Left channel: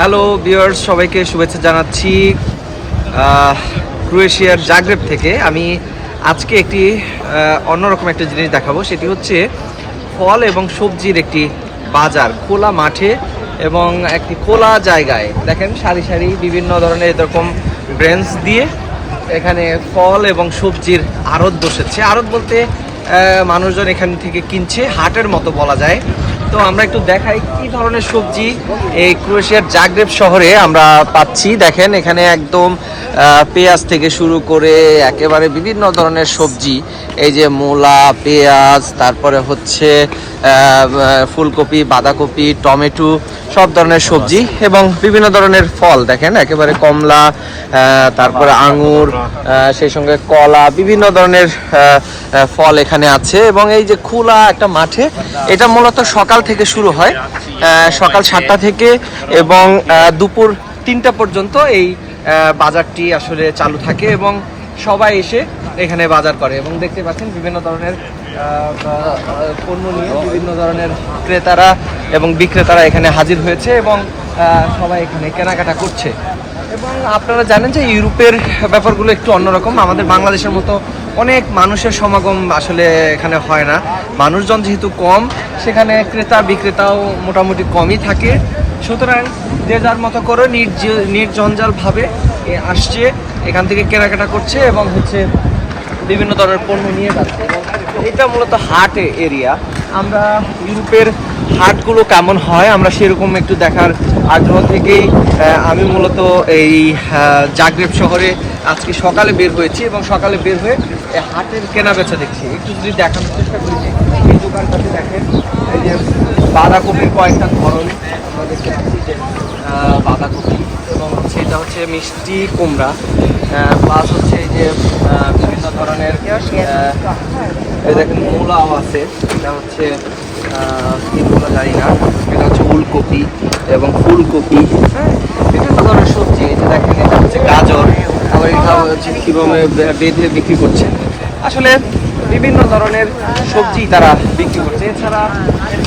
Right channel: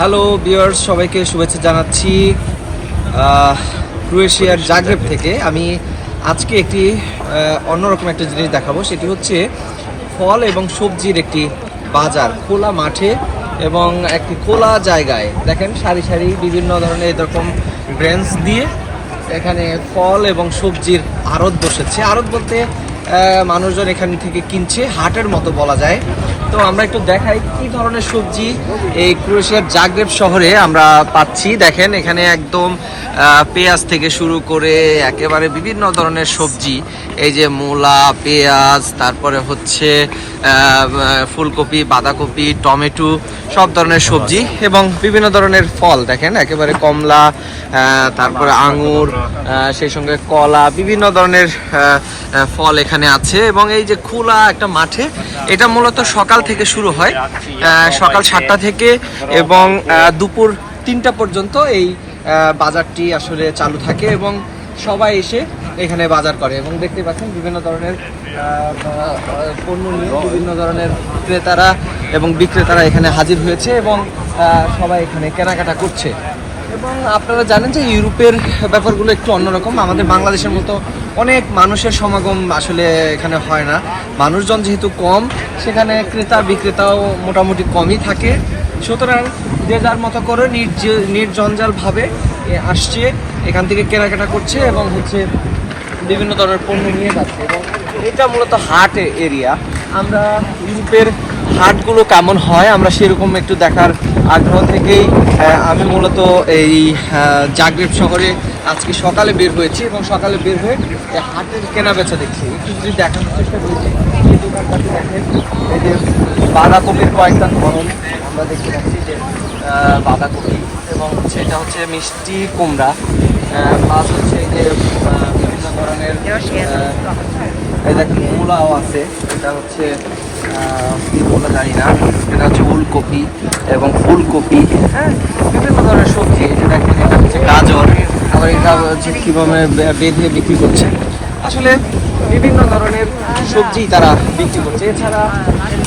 Hello বিয়ার্স সবাইকে শুভেচ্ছা জানাচ্ছি ক্রোয়েশিয়ার জাগ্রেব থেকে। আমি আজকে একটি অন্যরকম একটা জিনিস দেখাবো, সেটি হচ্ছে ফল এবং সবজির একটি বাজার, খোলা মাঠে এবং একটি খোলা জায়গায়। দেখেন, সারি সারি বিভিন্ন ধরনের এরকম ব্রেঞ্চ দিয়ে এখানে ফল এবং সবজির আড়ত বসেছে। আড়ত বলতে মানুষজন এখান থেকে কিনছে, হাটের মতো বলা যায়। তো আমরা একটু দেখাই কি ধরনের সবজি এই ক্রোয়েশিয়ার জাগ্রেব শহরে আমরা পাচ্ছি। দেখেন, এখানে একদম পেঁয়াজ থেকে শুরু করে একেবারে বিভিন্ন ধরনের সবজি। এই যে মূলা, পেঁয়াজ, তারপরে হচ্ছে ফুলকপি, বাঁধাকপি, টমেটো, সব ধরনের সবজি এবং বিভিন্ন ধরনের ফল। দেখেন, একেবারে কমলা তারপরে আঙুর সেই সঙ্গে কলা, বিভিন্ন ধরনের ফল এখানে আছে এবং এই যে খোলা একটা মাঠে, এটা মূলত সকাল থেকে শুরু হয় সকাল সাতটা থেকে এবং দুপুর তিনটা পর্যন্ত এই বাজারটি আসলে চালু থাকে এবং সবাই এসে এখানে বাজার করে এবং দেখতে পাচ্ছেন বিভিন্ন ধরনের পণ্য নিয়ে বিভিন্ন ধরনের ক্রেতারা এবং বিক্রেতারা এখানে হাজির হয়েছে এবং সবাই এখানে কেনাকাটা করছে। এবং আপনারা জানেন যে ইউরোপের ব্যাপারগুলো একটু অন্যরকম। আমাদের বাংলাদেশের মতো অনেক মানুষের সমাগম আসলে এখানে হয় না। মানুষজন যেহেতু কম, সেখানে ক্রেতা বিক্রেতাও মোটামুটি কমই থাকে। সুতরাং যে যার মতো করে নির্জ- নির্জঞ্জালভাবে আসছে, এখান থেকে কেনাকাটা করছে এবং হচ্ছে বিভিন্ন ধরনের পণ্য নিয়ে যাচ্ছে। এবং এটা মূলত হাট এরিয়া। আমরা ইউরোপের হাটগুলো কেমন হয়, আমরা সেরকম একটু দেখার আগ্রহ থেকেই আমি মূলত এই জাগ্রেব শহরে আজকে সকালে বের হয়েছি এবং সকালে বের হয়ে হাটের কেনা বেচা দেখছি। একটু যদি দেখানোর চেষ্টা করেছি এই দোকানটাতে দেখেন, এই যে বাঁধাকপির কয়েকটা ধরন আমরা দেখতে পাচ্ছি যে বাঁধাকপি এবং হচ্ছে এটা হচ্ছে মিষ্টি কুমড়া প্লাস হচ্ছে এই যে বিভিন্ন ধরনের এই দেখেন মূলাও আছে, এটা হচ্ছে কি মূলা জানি না, এটা হচ্ছে উলকপি এবং ফুলকপি। হ্যাঁ বিভিন্ন ধরনের সবজি যে দেখেন, এটা হচ্ছে গাজর। আবার এটা হচ্ছে কীভাবে বেঁধে বিক্রি করছে। আসলে বিভিন্ন ধরনের সবজি তারা বিক্রি করছে। এছাড়া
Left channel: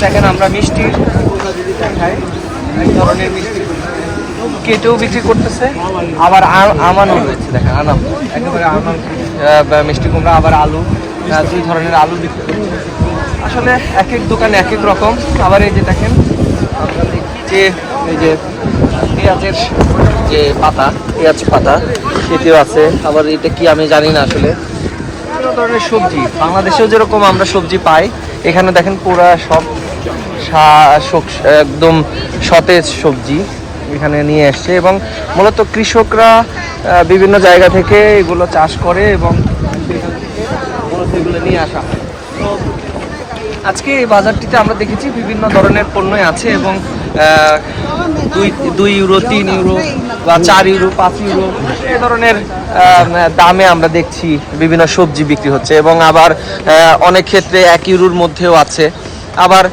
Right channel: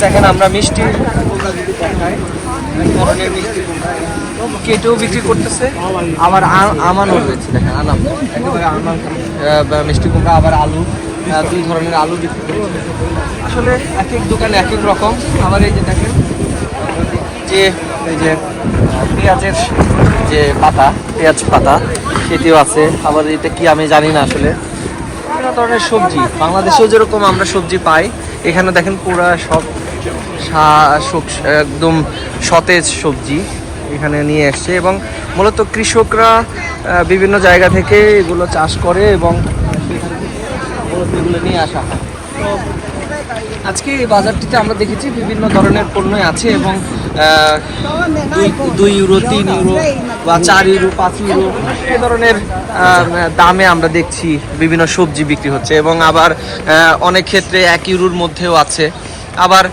দেখেন, আমরা মিষ্টি দেখাই ধরনের কেটেও বিক্রি করতেছে। আবার আমানও রয়েছে মিষ্টি কুমড়া, আবার আলু দুই ধরনের আলু বিক্রি করছে। আসলে এক এক দোকানে এক এক রকম আবার এই যে দেখেন আমরা দেখি যে এই যে পেঁয়াজের যে পাতা, পেঁয়াজ পাতা, সেটিও আছে। আবার এটা কি আমি জানি না আসলে। বিভিন্ন ধরনের সবজি। বাংলাদেশেও যেরকম আমরা সবজি পাই, এখানে দেখেন পুরা সব একদম সতেজ সবজি এখানে নিয়ে এসছে এবং মূলত কৃষকরা বিভিন্ন জায়গা থেকে এগুলো চাষ করে এবং সেখান থেকে মূলত এগুলো নিয়ে আসা হয়। তো আজকে এই বাজারটিতে আমরা দেখেছি বিভিন্ন ধরনের পণ্যই আছে এবং দুই দুই ইউরো, তিন ইউরো বা চার ইউরো, পাঁচ ইউরো এই ধরনের দামে আমরা দেখছি বিভিন্ন সবজি বিক্রি হচ্ছে এবং আবার অনেক ক্ষেত্রে এক ইউরোর মধ্যেও আছে। আবার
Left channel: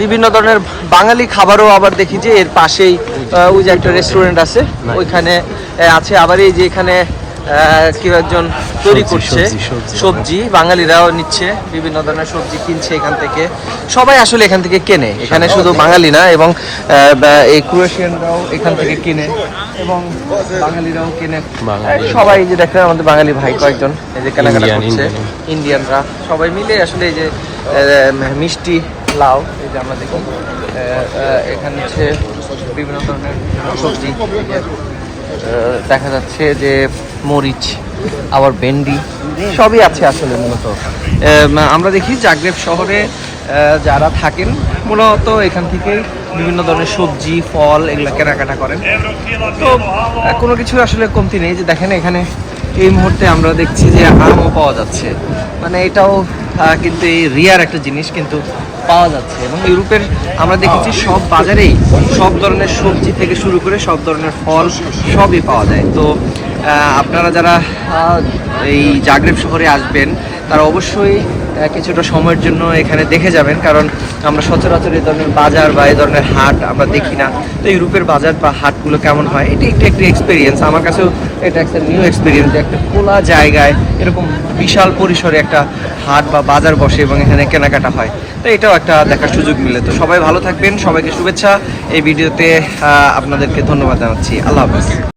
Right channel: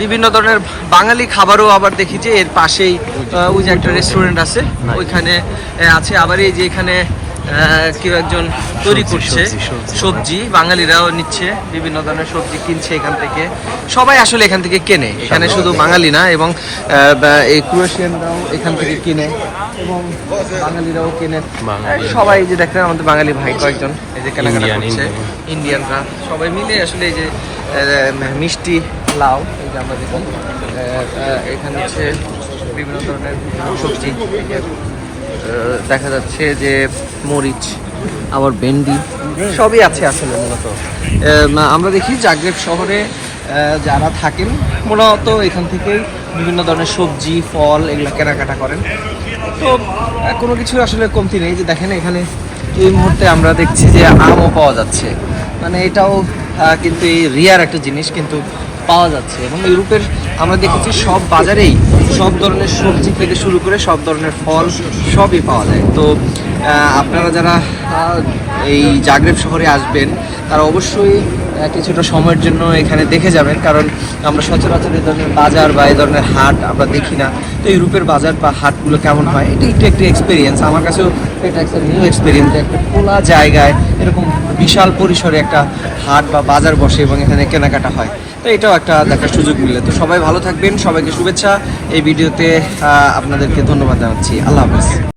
বিভিন্ন ধরনের বাঙালি খাবারও আবার দেখি যে এর পাশেই ওই যে একটা রেস্টুরেন্ট আছে, ওইখানে আছে। আবার এই যে এখানে কেউ একজন তৈরি করছে। সবজি, সবজি বাঙালিরাও নিচ্ছে বিভিন্ন ধরনের সবজি কিনছে এখান থেকে। সবাই আসলে এখান থেকে কেনে। এখানে শুধু বাঙালি না এবং এই ক্রোয়েশিয়ানরাও এখান থেকে কিনে এবং বাঙালিরাও কেনে। সবাই যে দেখেন আমাদের বাঙালি ভাই কয়েকজন এই যে কেনাকাটা করছে। ইন্ডিয়ানরা সবাই মিলে আসলে এই যে মিষ্টি লাউ এই যে আমরা দেখি এখানে হচ্ছে বিভিন্ন ধরনের সবজি। দেখা যাচ্ছে যে মরিচ, আবার ভেন্ডি, সবই আছে আসলে মূলত। আমরা দেখি জাগ্রেব শহরে যারা থাকেন, মূলত এখান থেকেই বিভিন্ন ধরনের সবজি, ফল এগুলো কেনাকাটা করেন। তো কোনো কিছু আসলে কমতি নেই। যে দেখেন এখানে এই মুহূর্তে আমরা দেখছি যে আমও পাওয়া যাচ্ছে। মানে এটাও কিন্তু এই রিয়ার একটা জিনিস, কিন্তু পাওয়া যাচ্ছে এবং ইউরোপের আমরা দেখেছি সব বাজারেই সব ধরনের সবজি থেকে শুরু করে সব ধরনের ফল সবই পাওয়া যায়। তো আপনারা যারা এই জাগ্রেব শহরে আসবেন, তারা অবশ্যই কিছুটা সময়ের জন্য এখানে দেখে যাবেন, কারণ আমরা সচরাচর এই ধরনের বাজার বা এই ধরনের হাট আমরা দেখি না। তো ইউরোপের বাজার বা হাটগুলো কেমন হয়, এটি একটু, একটি এক্সপিরিয়েন্স আমার কাছেও এটা একটা নিউ এক্সপিরিয়েন্স একটা খোলা জায়গায় এরকম বিশাল পরিসরে একটা হাট বা বাজার বসে এবং এখানে কেনাকাটা হয়। তো এটাও একটা দেখার সুযোগ মিলে। তো সবাই ভালো থাকবেন, সবাইকে শুভেচ্ছা। এই ভিডিওতে আপনাদেরকে ধন্যবাদ জানাচ্ছি। আল্লাহ হাফেজ।